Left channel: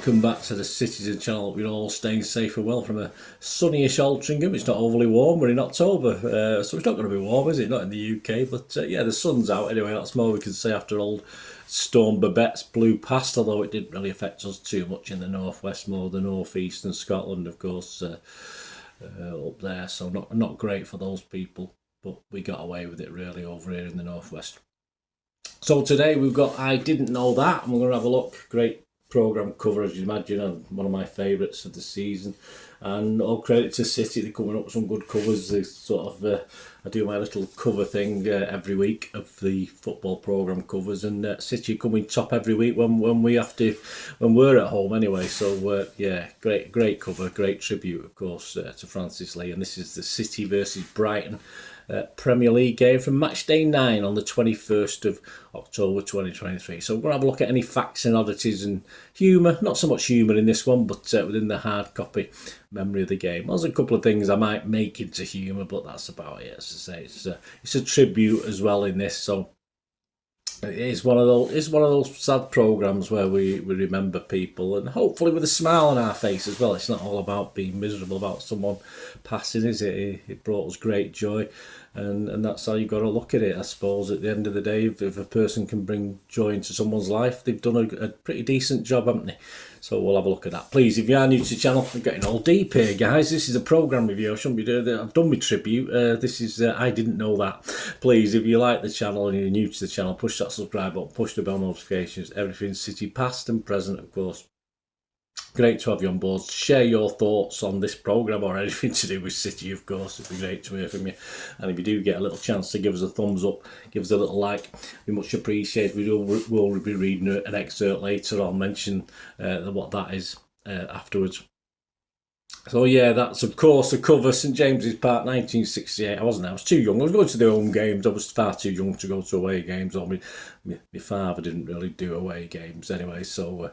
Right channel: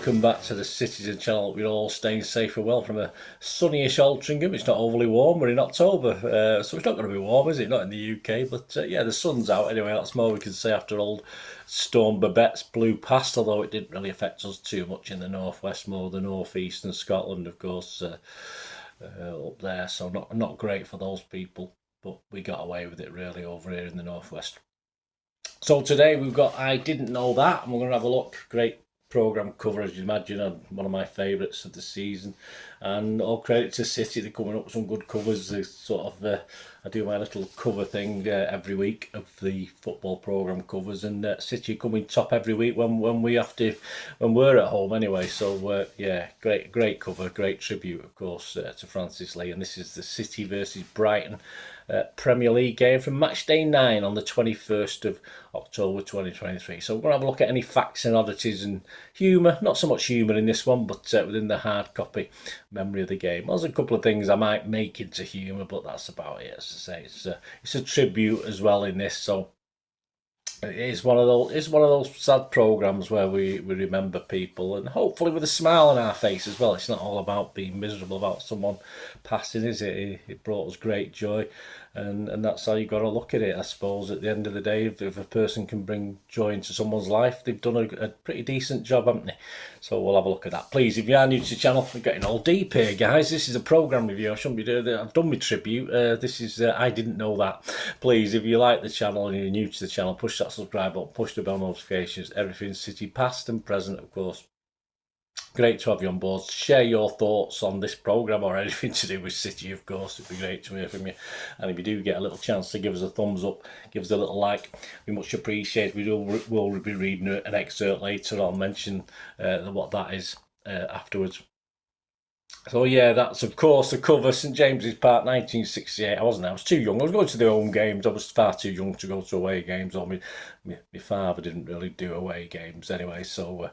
welcome back to the Citytilidie channel. We're all staying safe and well from a sunnyish Altrincham. It's not overly warm, we're in October, so it's not going to be warm, is it? Not in the UK, but yeah, the sun's out anyway. That's more we can say after old Storm Babette's blew past, although it didn't really affect us too much in the northwest, more the northeast and Scotland, of course, up there. So not great for those people, but we got away with it really over here in the northwest. So today we've got I Didn't Know That, and we're going to have a look. Great programme cover, as you imagine, and one of my favourites of the season. And all credit to City, they're coming up with some good covers. They sort of, I do my little cover thing every week of the football programme covers, and City coming top every week when we're at home anyway. So yeah, great cover, great tribute, of course, to Francis Lee. And this is the City versus Brighton Premier League game from match day 9 on the 21st of October 2023. So we're going to have a look at any facts and oddities and humour. Not so much humour in this one, but within the hard copy memory of the game. There's a couple of things I might make into humour, but that's about it. As I say, it's a tribute as well in this. So it's one of those sad programmes where we remember people, and hopefully with a smile on our face as well. It's not all about being miserable about someone passing, is it? It brought us great joy, and that's how you got to look at it, I suppose. At the end of the day, if a person can bring joy into someone's life, they've done a pretty decent job, haven't they? So we'll have a look at that. Please, if you are new to the channel, I'm getting all deep here, guys. This is a programme review. I shouldn't be doing that. I've done my tribute. This is I Didn't Know That. Please, if you like the channel and you're new to the channel, push that subscribe button, push the bell notifications. Everything City past and present, of course. Great to have you on board. Share your thoughts on this programme or anything to do with City, of course. It'd be great to hear from you. And if you do get a little chance to give us a thumbs up, give us a little like, we much appreciate it. We'll be reading an excerpt later. I'll mention what that is afterwards. So yeah, that's of course the cover, St James's Park, 1968. I was too young. I was going to the home games. I was far too young to go to away games. Or my father didn't really do away games anyway. So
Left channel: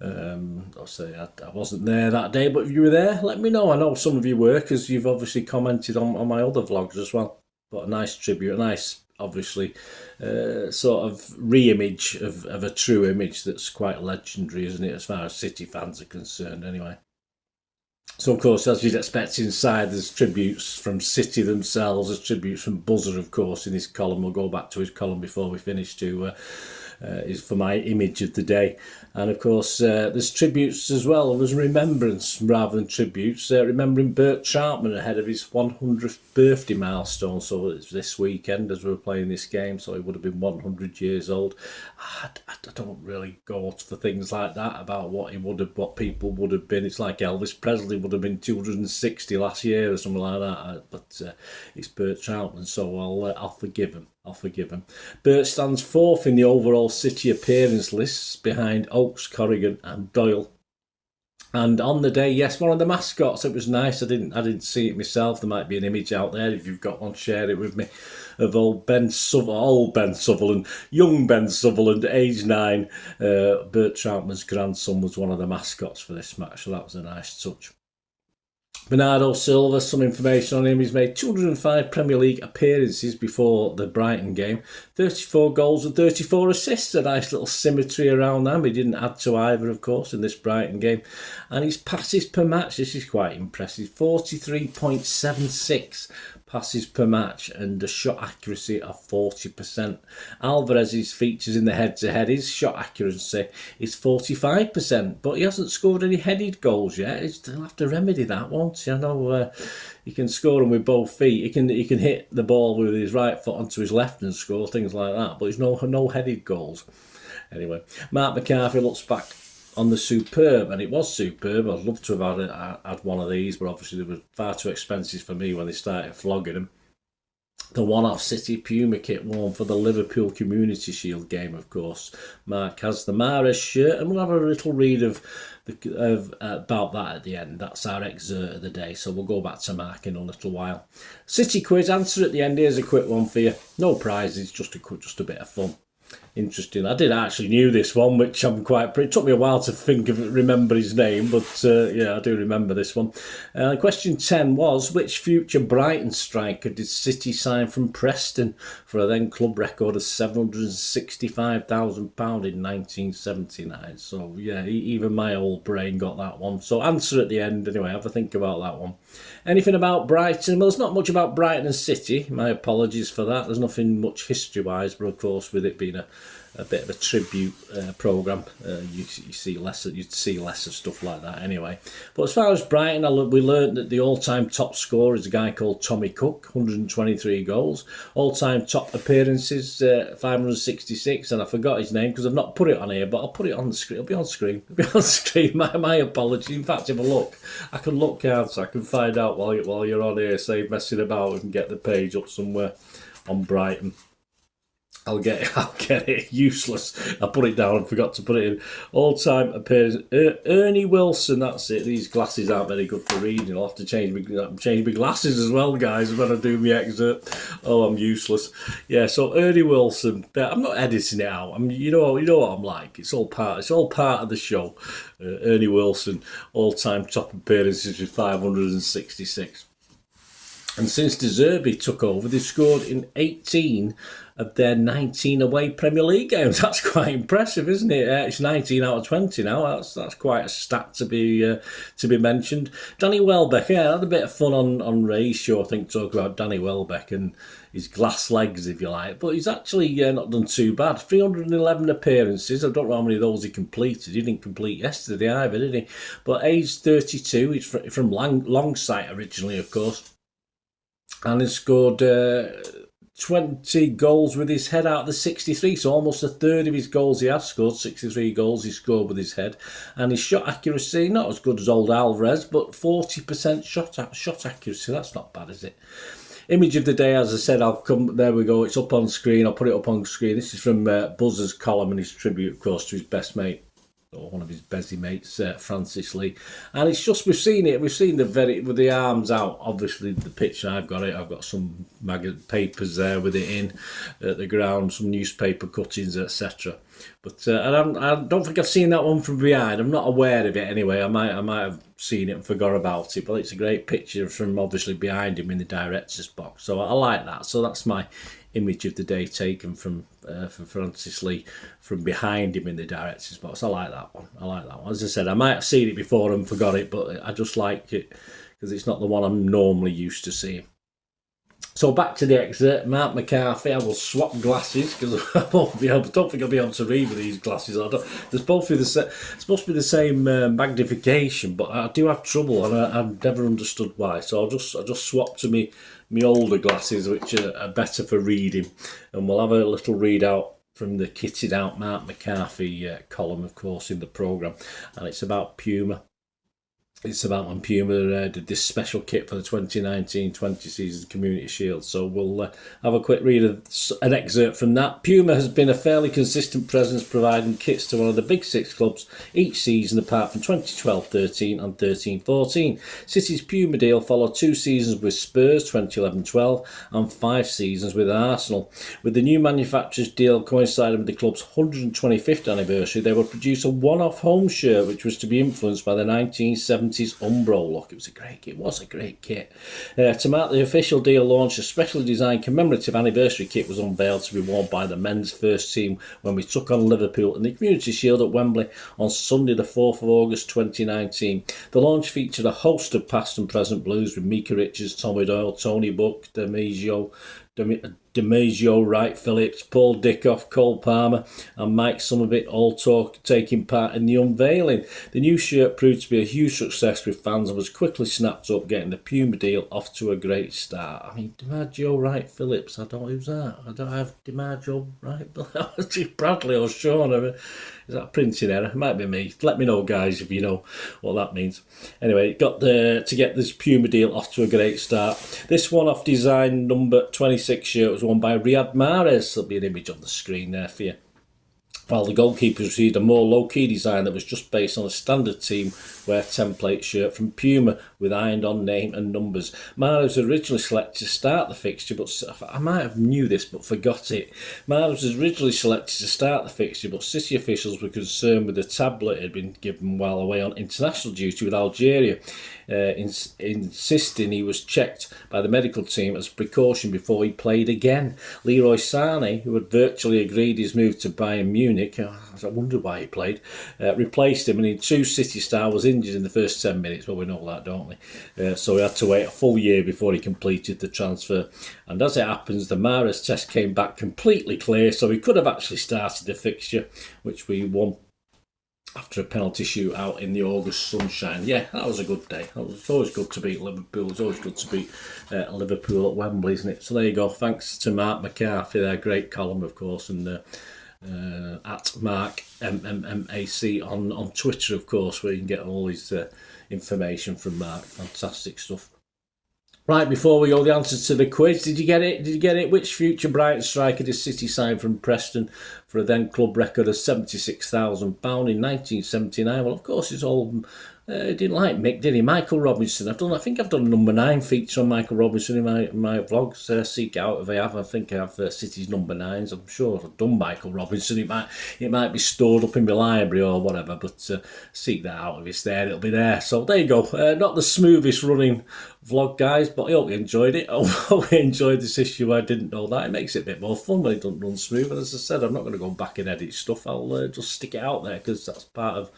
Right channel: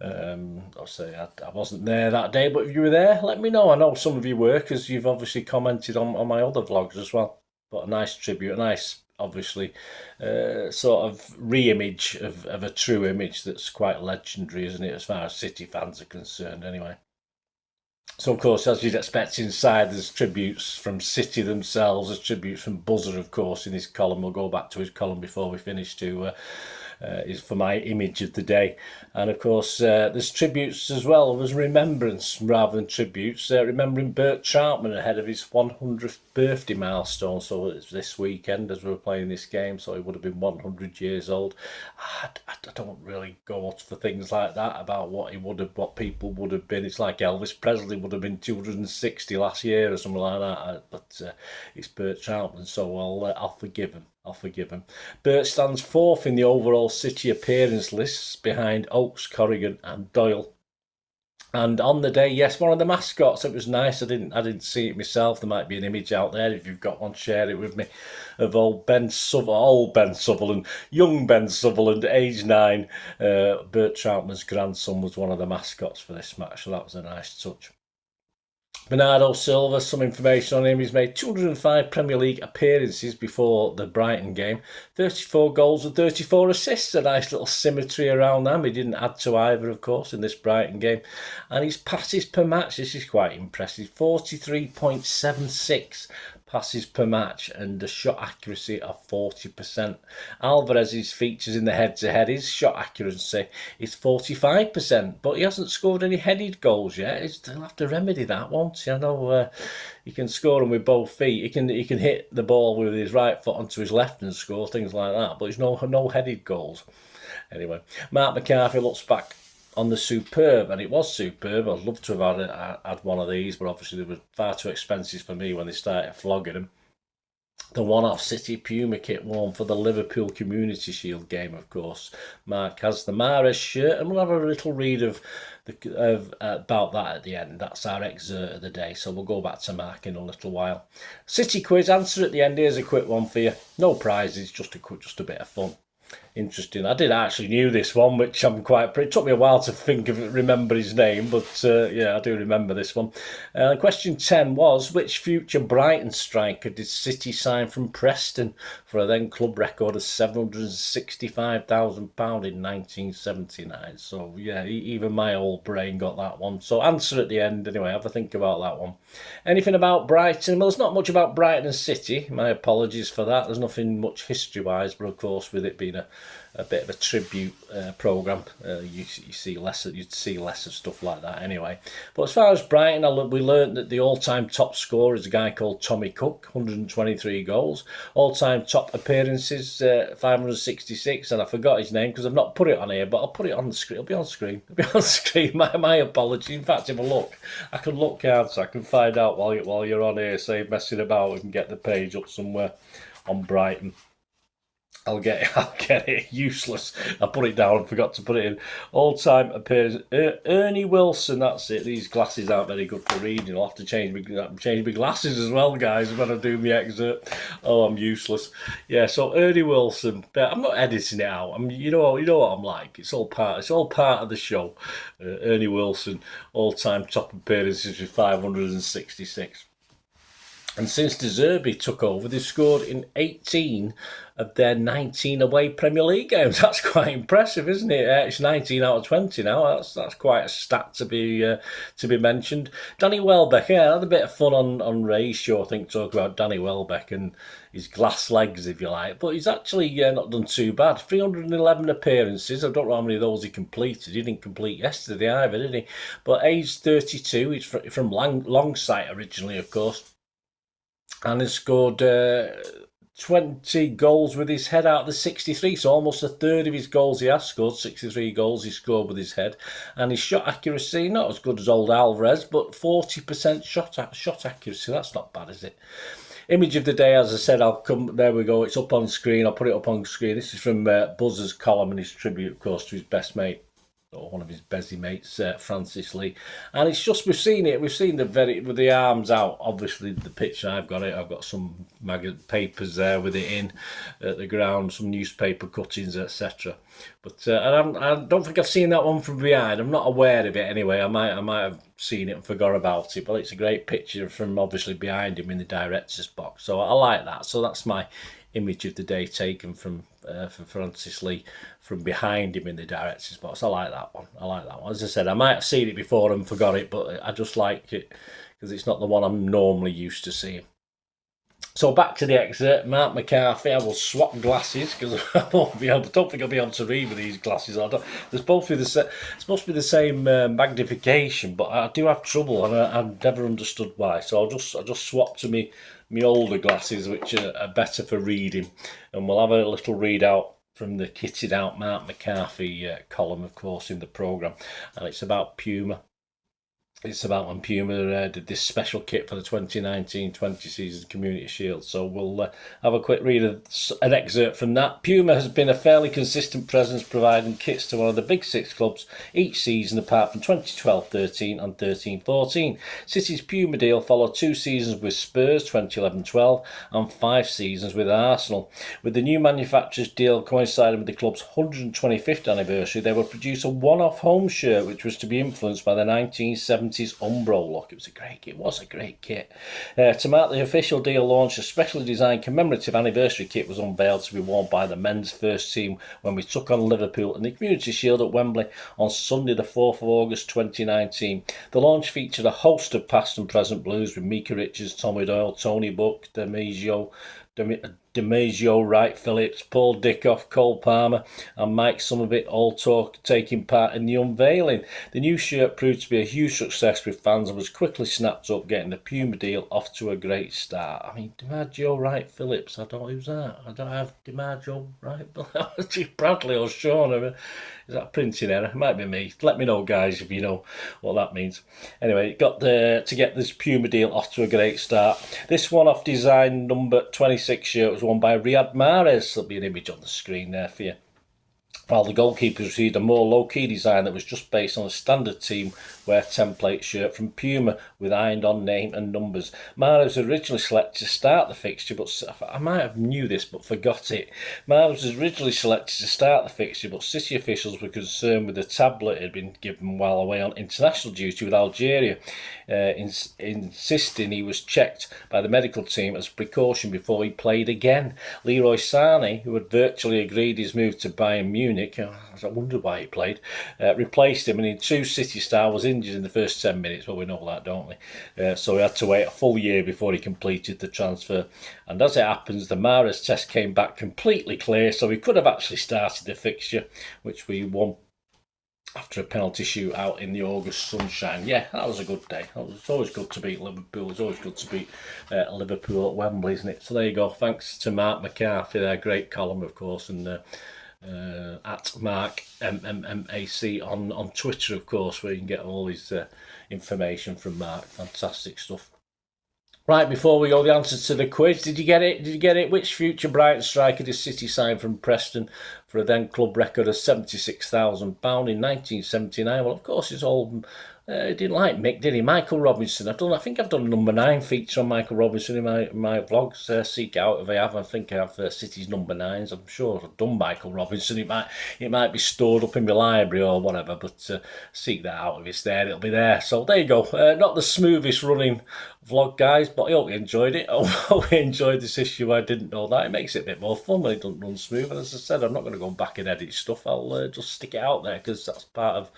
I'll say I wasn't there that day. But if you were there, let me know. I know some of you were, because you've obviously commented on my other vlogs as well. But a nice tribute, a nice, obviously, sort of re-image of a true image that's quite legendary, isn't it, as far as City fans are concerned anyway. So, of course, as you'd expect inside, there's tributes from City themselves. There's tributes from Buzzer, of course, in his column. We'll go back to his column before we finish is for my image of the day. And, of course, there's tributes as well. There's remembrance rather than tributes. Remembering Bert Troutman ahead of his 100th birthday milestone. So it's this weekend as we were playing this game. So he would have been 100 years old. I don't really go for things like that about what people would have been. It's like Elvis Presley would have been 260 last year or something like that. But it's Bert Troutman, so I'll forgive him. Bert stands 4th in the overall City appearance lists behind Oakes, Corrigan and Doyle. And on the day, yes, one of the mascots. It was nice. I didn't see it myself. There might be an image out there. If you've got one, share it with me. Of old Ben Sutherland, young Ben Sutherland, age 9. Bert Troutman's grandson was one of the mascots for this match, so that was a nice touch. Bernardo Silva, some information on him. He's made 205 Premier League appearances before the Brighton game. 34 goals and 34 assists. A nice little symmetry around them. He didn't add to either, of course, in this Brighton game. And his passes per match, this is quite impressive. 43.76 passes per match and a shot accuracy of 40%. Alvarez's features in the head-to-head, his shot accuracy is 45%, but he hasn't scored any headed goals yet. He'll have to remedy that once. I know he can score them with both feet. He can hit the ball with his right foot onto his left and score, things like that, but there's no headed goals. Anyway, Marc McCarthy looks back on the superb, and it was superb. I'd love to have had one of these, but obviously they were far too expensive for me when they started flogging them. The one-off City Puma kit worn for the Liverpool Community Shield game, of course. Marc has the Mahrez shirt, and we'll have a little read about that at the end. That's our excerpt of the day, so we'll go back to Marc in a little while. City quiz answer at the end. Here's a quick one for you. No prizes, just a bit of fun. interesting. I did actually knew this one, which I'm quite. It took me a while to remember his name, but yeah, I do remember this one. Question 10 was, which future Brighton striker did City sign from Preston for a then club record of £765,000 in 1979? So yeah, even my old brain got that one. So answer at the end anyway. Have a think about that one. Anything about Brighton? Well, there's not much about Brighton and City. My apologies for that. There's nothing much history-wise, but of course, with it being a bit of a tribute programme, you see less of stuff like that anyway. But as far as Brighton, we learned that the all-time top scorer is a guy called Tommy Cook, 123 goals. All-time top appearances, 566, and I forgot his name because I've not put it on here, but I'll put it on the screen. It'll be on screen. It'll be on screen. My apology. In fact, if I look, I can look out so I can find out while you're on here, save messing about, and get the page up somewhere on Brighton. I'll get it. Useless. I put it down and forgot to put it in. All-time appearance. Ernie Wilson, that's it. These glasses aren't very good for reading. I'll have to change my glasses as well, guys, when I do my excerpt. Oh, I'm useless. Yeah, so Ernie Wilson. I'm not editing it out. You know what I'm like. It's all part of the show. Ernie Wilson, all-time top appearances with 566. And since De Zerbi took over, they've scored in 18 of their 19 away Premier League games. That's quite impressive, isn't it? It's 19 out of 20 now. That's quite a stat to be mentioned. Danny Welbeck, yeah, I had a bit of fun on Ray's show, I think, talk about Danny Welbeck and his glass legs, if you like. But he's actually not done too bad. 311 appearances. I don't know how many of those he completed. He didn't complete yesterday either, did he? But age 32. He's from Longsight originally, of course. And he scored 20 goals with his head out of the 63, so almost a third of his goals he has scored, 63 goals he scored with his head. And his shot accuracy, not as good as old Alvarez, but 40% shot accuracy. That's not bad, is it? Image of the day, as I said, there we go, it's up on screen. I'll put it up on screen. This is from Buzzer's column and his tribute, of course, to his best mate, or one of his busy mates, Francis Lee. And it's just, we've seen with the arms out, obviously the picture, I've got some papers there with it in at the ground, some newspaper cuttings, etc. But I don't think I've seen that one from behind. I'm not aware of it anyway. I might have seen it and forgot about it, but it's a great picture from obviously behind him in the director's box. So I like that. So that's my image of the day taken from Francis Lee from behind him in the director's box. I like that one. As I said, I might have seen it before and forgot it, but I just like it because it's not the one I'm normally used to seeing. So back to the excerpt. Marc McCarthy. I will swap glasses because I don't think I'll be able to read with these glasses. They're supposed to be the same magnification, but I do have trouble, and I've never understood why. So I'll just swap to me older glasses, which are better for reading, and we'll have a little readout from the kitted out Marc McCarthy column, of course, in the programme, and it's about Puma. It's about when Puma did this special kit for the 2019-20 season Community Shield. So we'll have a quick read of an excerpt from that. Puma has been a fairly consistent presence providing kits to one of the big six clubs each season apart from 2012-13 and 13-14. City's Puma deal followed 2 seasons with Spurs, 2011-12, and 5 seasons with Arsenal. With the new manufacturer's deal coinciding with the club's 125th anniversary, they would produce a one-off home shirt which was to be influenced by the 1970s Umbro look. It was a great kit. To mark the official deal launch, a specially designed commemorative anniversary kit was unveiled to be worn by the men's first team when we took on Liverpool in the Community Shield at Wembley on Sunday the 4th of August 2019. The launch featured a host of past and present Blues with Mika Richards, Tommy Doyle, Tony Buck, DiMaggio, Wright Phillips, Paul Dickoff, Cole Palmer and Mike Somerville all taking part in the unveiling. The new shirt proved to be a huge success with fans and was quickly snapped up, getting the Puma deal off to a great start. I mean, DiMaggio, Wright Phillips, I don't know who's that. I don't have DiMaggio, Wright Bradley or Sean. Is that a printing error? It might be me. Let me know, guys, if you know what that means. Anyway, got to get this Puma deal off to a great start. This one-off design number 26 shirt was worn by Riyad Mahrez. There'll be an image on the screen there for you. While the goalkeepers received a more low-key design that was just based on a standard team wear template shirt from Puma, with ironed-on name and numbers. Marc was originally selected to start the fixture, but I might have knew this but forgot it. Marc was originally selected to start the fixture, but City officials were concerned with the tablet it had been given while away on international duty with Algeria, insisting he was checked by the medical team as a precaution before he played again. Leroy Sané, who had virtually agreed his move to Bayern Munich, I wondered why he played, replaced him, and in true City style was injured in the first 10 minutes. Well, we know that, don't we? So he had to wait a full year before he completed the transfer. And as it happens, the Mahrez test came back completely clear, so he could have actually started the fixture, which we won after a penalty shootout in the August sunshine. Yeah, that was a good day. It's always good to beat Liverpool. It's always good to beat Liverpool at Wembley, isn't it? So there you go. Thanks to Marc McCarthy, their great column, of course, and at Marc MMMAC on Twitter, of course, where you can get all his information from Marc. Fantastic stuff. Right, before we go, the answer to the quiz. Did you get it? Did you get it? Which future Brighton striker did City sign from Preston for a then club record of £76,000 in 1979? Well, of course, it's all... didn't like Mick, did he? Michael Robinson. I think I've done a number 9 feature on Michael Robinson in my vlogs. Seek out if I have. I think I have City's number 9s. I'm sure I've done Michael Robinson. It might be stored up in my library or whatever, but seek that out. If it's there, it'll be there. So there you go. Not the smoothest running vlog, guys, but I hope you enjoyed it. I hope you enjoyed this issue. I didn't know that. It makes it a bit more fun when it doesn't run smooth. And as I said, I'm not going to go back and edit stuff. I'll just stick it out there because that's part of...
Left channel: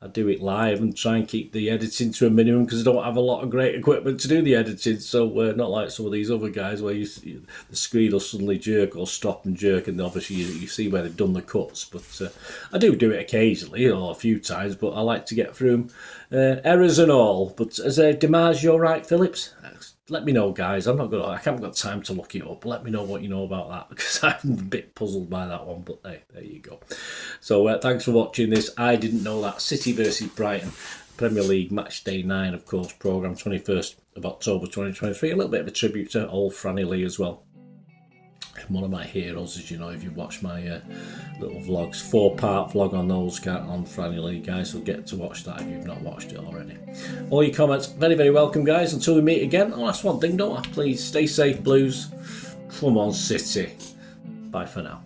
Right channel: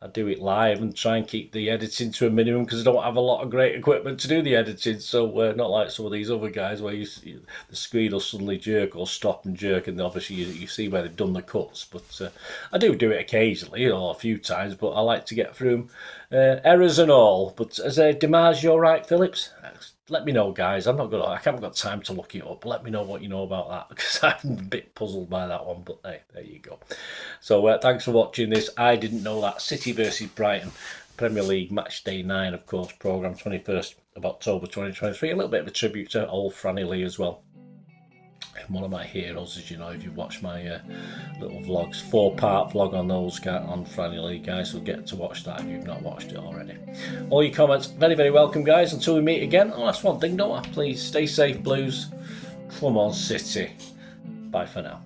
I do it live and try and keep the editing to a minimum because I don't have a lot of great equipment to do the editing. So not like some of these other guys where the screen will suddenly jerk or stop and jerk, and obviously you see where they've done the cuts. But I do it occasionally, a few times. But I like to get through them, errors and all. But as a DiMaggio, right, Phillips? Let me know, guys. I haven't got time to look it up. Let me know what you know about that because I'm a bit puzzled by that one. But hey, there you go. So thanks for watching this. I didn't know that. City versus Brighton, Premier League match day 9, of course, programme 21st of October 2023. A little bit of a tribute to old Franny Lee as well. One of my heroes, as you know, if you watch my little vlogs, 4-part vlog on those guys, on Franny Lee, guys, so get to watch that if you've not watched it already. All your comments, very, very welcome, guys. Until we meet again, that's one thing, don't I? Please stay safe, Blues. Come on, City. Bye for now.